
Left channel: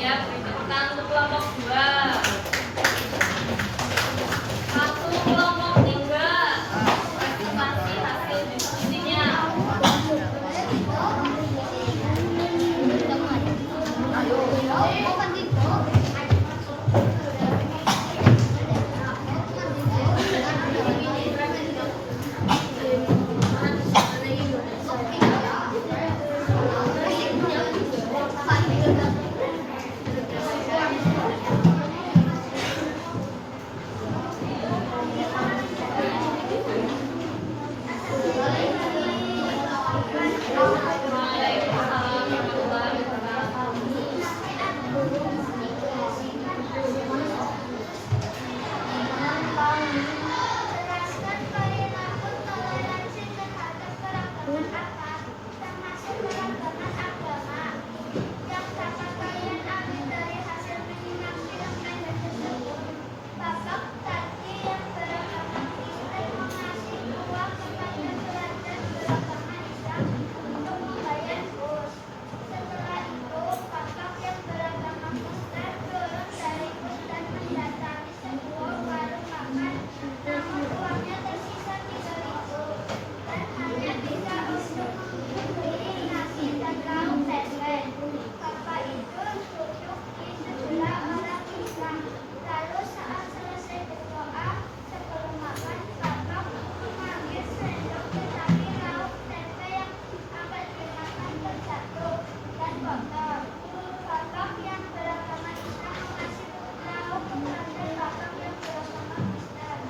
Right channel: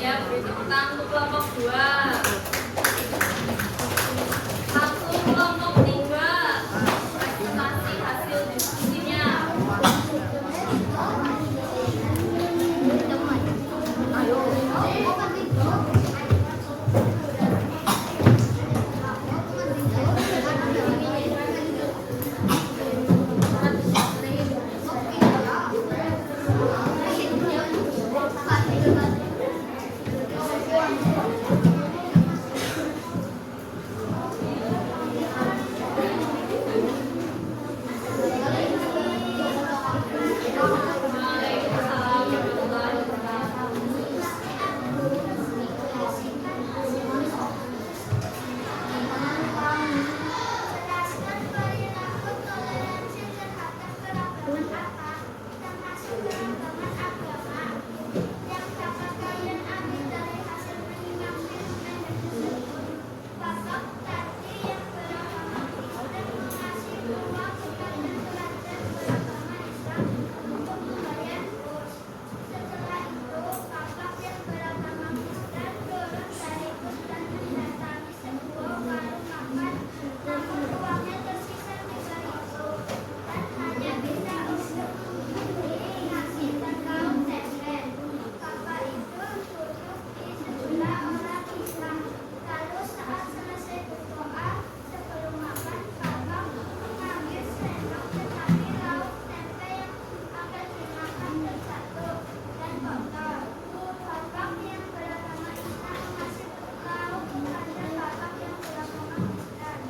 Ya, beri tepuk tangan untuk kelompok 2. Satu kelompok 3. Presentasi hasil diskusinya. Waalaikumsalam warahmatullahi wabarakatuh. Jelaskan perilaku toleransi terhadap keragaman apa, termasuk keragaman agama, yang dapat kalian ambil dari hasil menyimak film pendek tersebut. Bapak tadi yang beragama Kristen mengasih uang kepada pelajar beragama Islam untuk membayar kos. Setelah itu, bapak yang beragama Kristen turun dari bus dan mendatangi sebuah warung makan. Namun uangnya tersisa 3.000 dan hanya bisa untuk membeli nasi dan lauk tempe. Bapak itu duduk di sebelah orang Islam. Lalu saat selesai berdoa sebelum makan, bapak mengambil sendok tetapi lauk tempe yang akan dimakan terjatuh dan kotor. Bapak yang beragama Islam mengasih lauk kepada bapak yang beragama Kristen.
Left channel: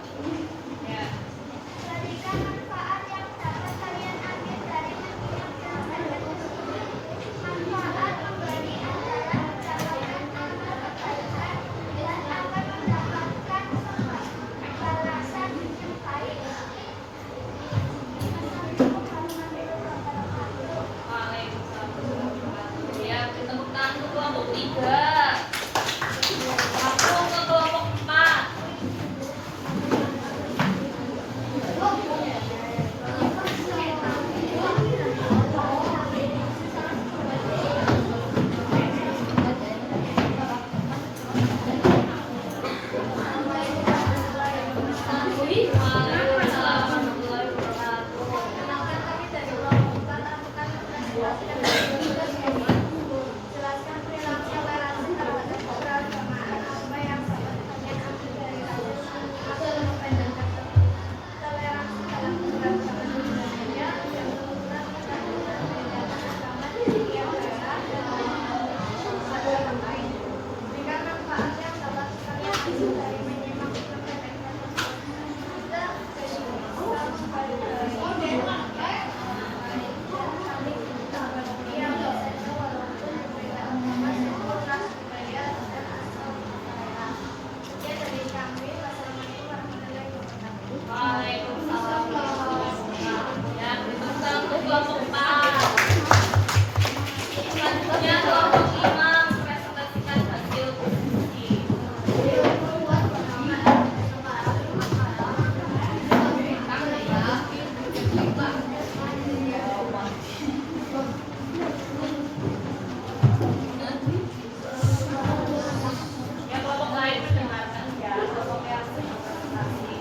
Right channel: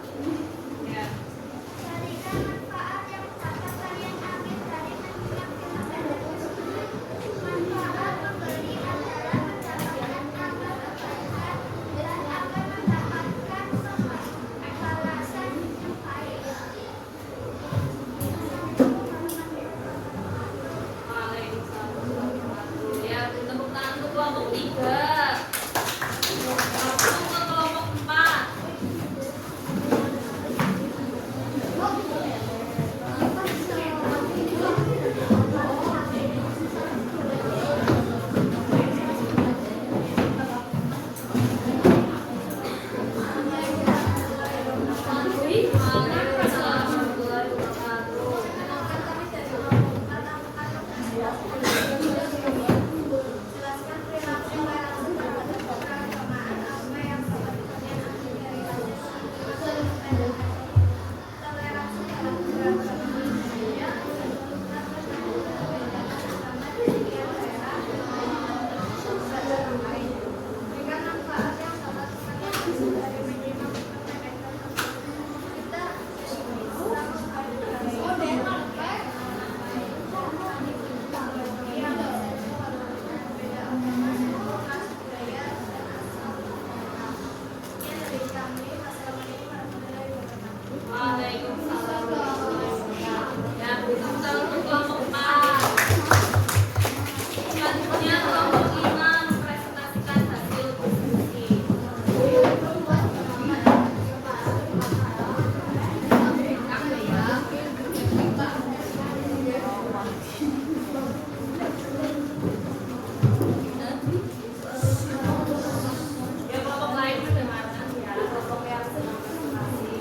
Berikan manfaat yang dapat kalian ambil dari menyimak film pendek tersebut. Manfaat memberi adalah mendapatkan amal kebaikan dan akan mendapatkan balasan yang baik. Waalaikumsalam warahmatullahi wabarakatuh. Ya, beri tepuk tangan untuk kelompok 3. Satu untuk kelompok 4. Waalaikumsalam warahmatullahi Jelaskan perilaku toleransi terhadap keberagamaan apa yang dapat kalian ambil dari hasil film pendek tersebut. Toleransi dalam keberagaman budaya berbenturan dengan perbedaan agama di setiap daerah dan agama lain. Berikan manfaat yang dapat kalian ambil dari menyimak film pendek tersebut. Kita Islam Waalaikumsalam warahmatullahi wabarakatuh. Ya, beri tepuk tangan untuk kelompok 4. Selanjutnya kelompok 5 presentasikan hasil diskusi. Ya, kelompok lain mendengarkan ya, kelompok yang sedang presentasi.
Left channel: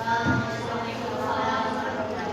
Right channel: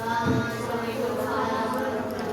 Waalaikumsalam warahmatullahi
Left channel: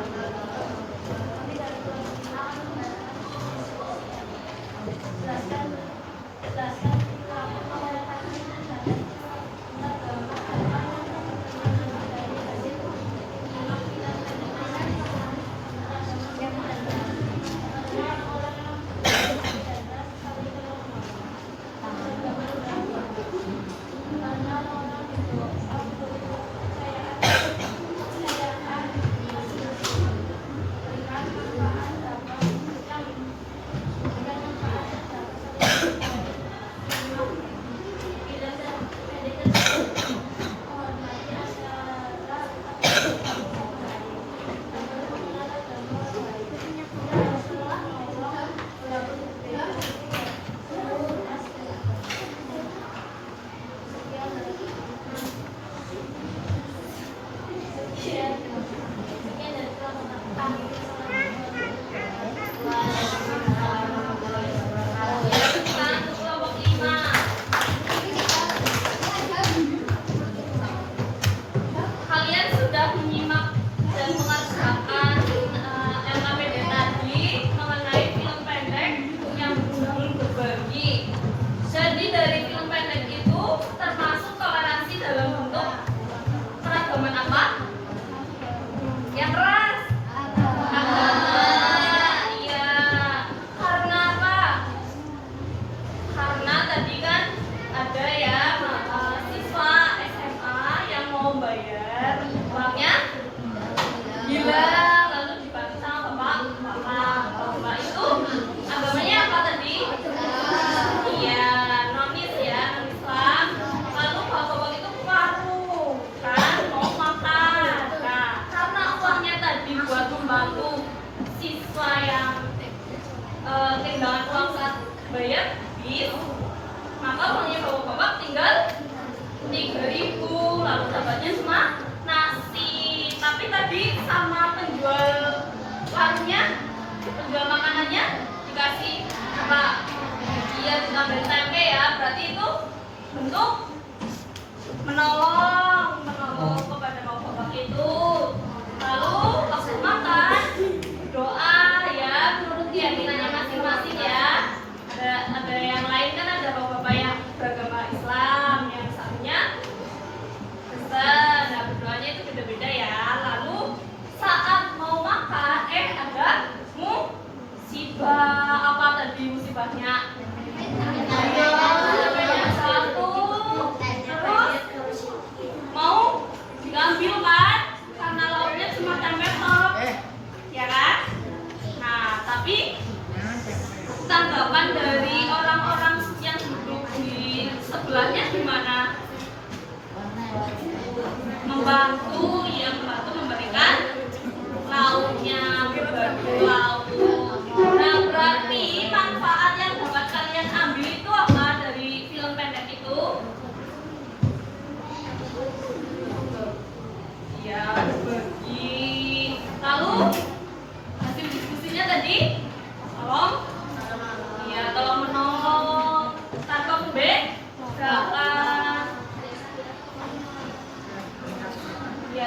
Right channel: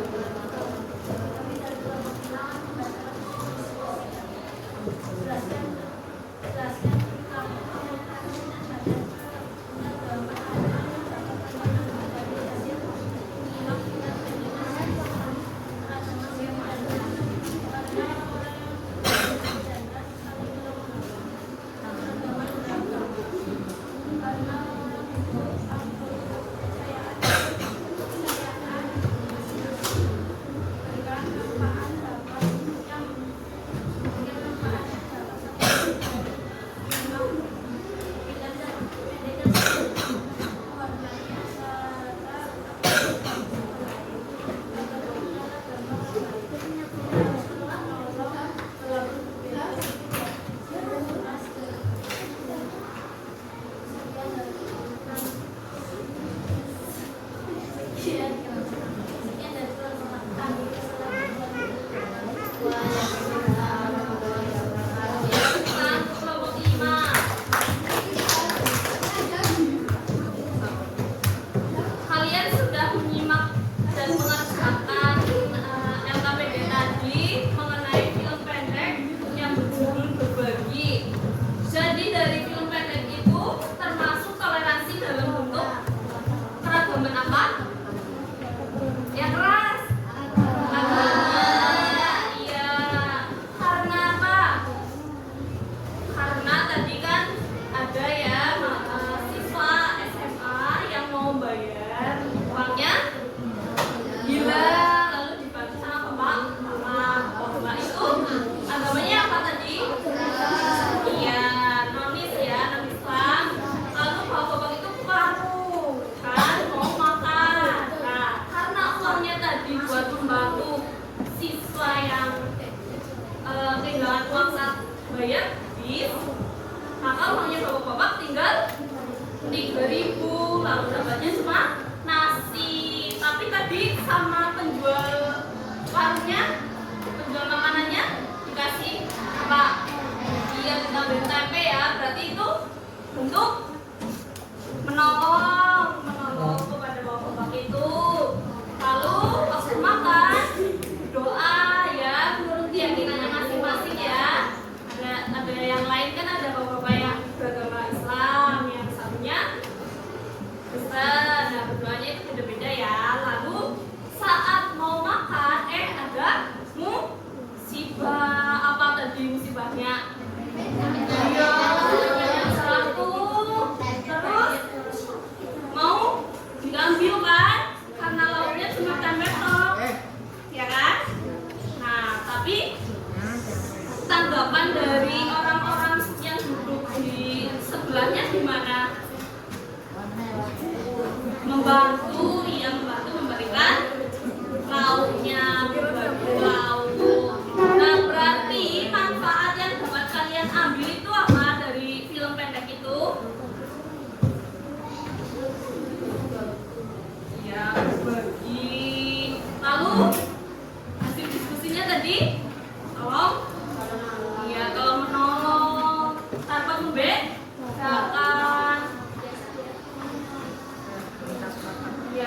bayar bis, maka uangnya bapak-bapak tinggal 3.000. Lalu dapatnya cuma nasi. Tapi tadi sama penjual warungnya, penjual makanannya dikasih apa? Iya, bukan bentuk tempe ya. Berarti itu bentuk menolong kepada bapak-bapak itu. Lalu waktu makan doa ya menurut keyakinannya masing-masing ya. Ada yang lain kan, ada bapak-bapak yang beragama Islam, yang satunya Kristen. Nah, berdoanya itu beda-beda ya. Lalu saat mau makan ada musibah. Apa tadi musibahnya? Terus mau diambil kan, karena lauknya cuma tempe tok, ya kan? Nah, tapi tanggapan dari orang-orang yang duduk di sebelahnya gimana? Membantu, ya membantu memberikan lauknya, berbagi lauk. Nah, berarti manfaat yang dapat kalian ambil itu apa dari film pendek itu? Ya, berbagi. Lalu hasil diskusinya tadi tolong menolong tanpa membedakan. Ya,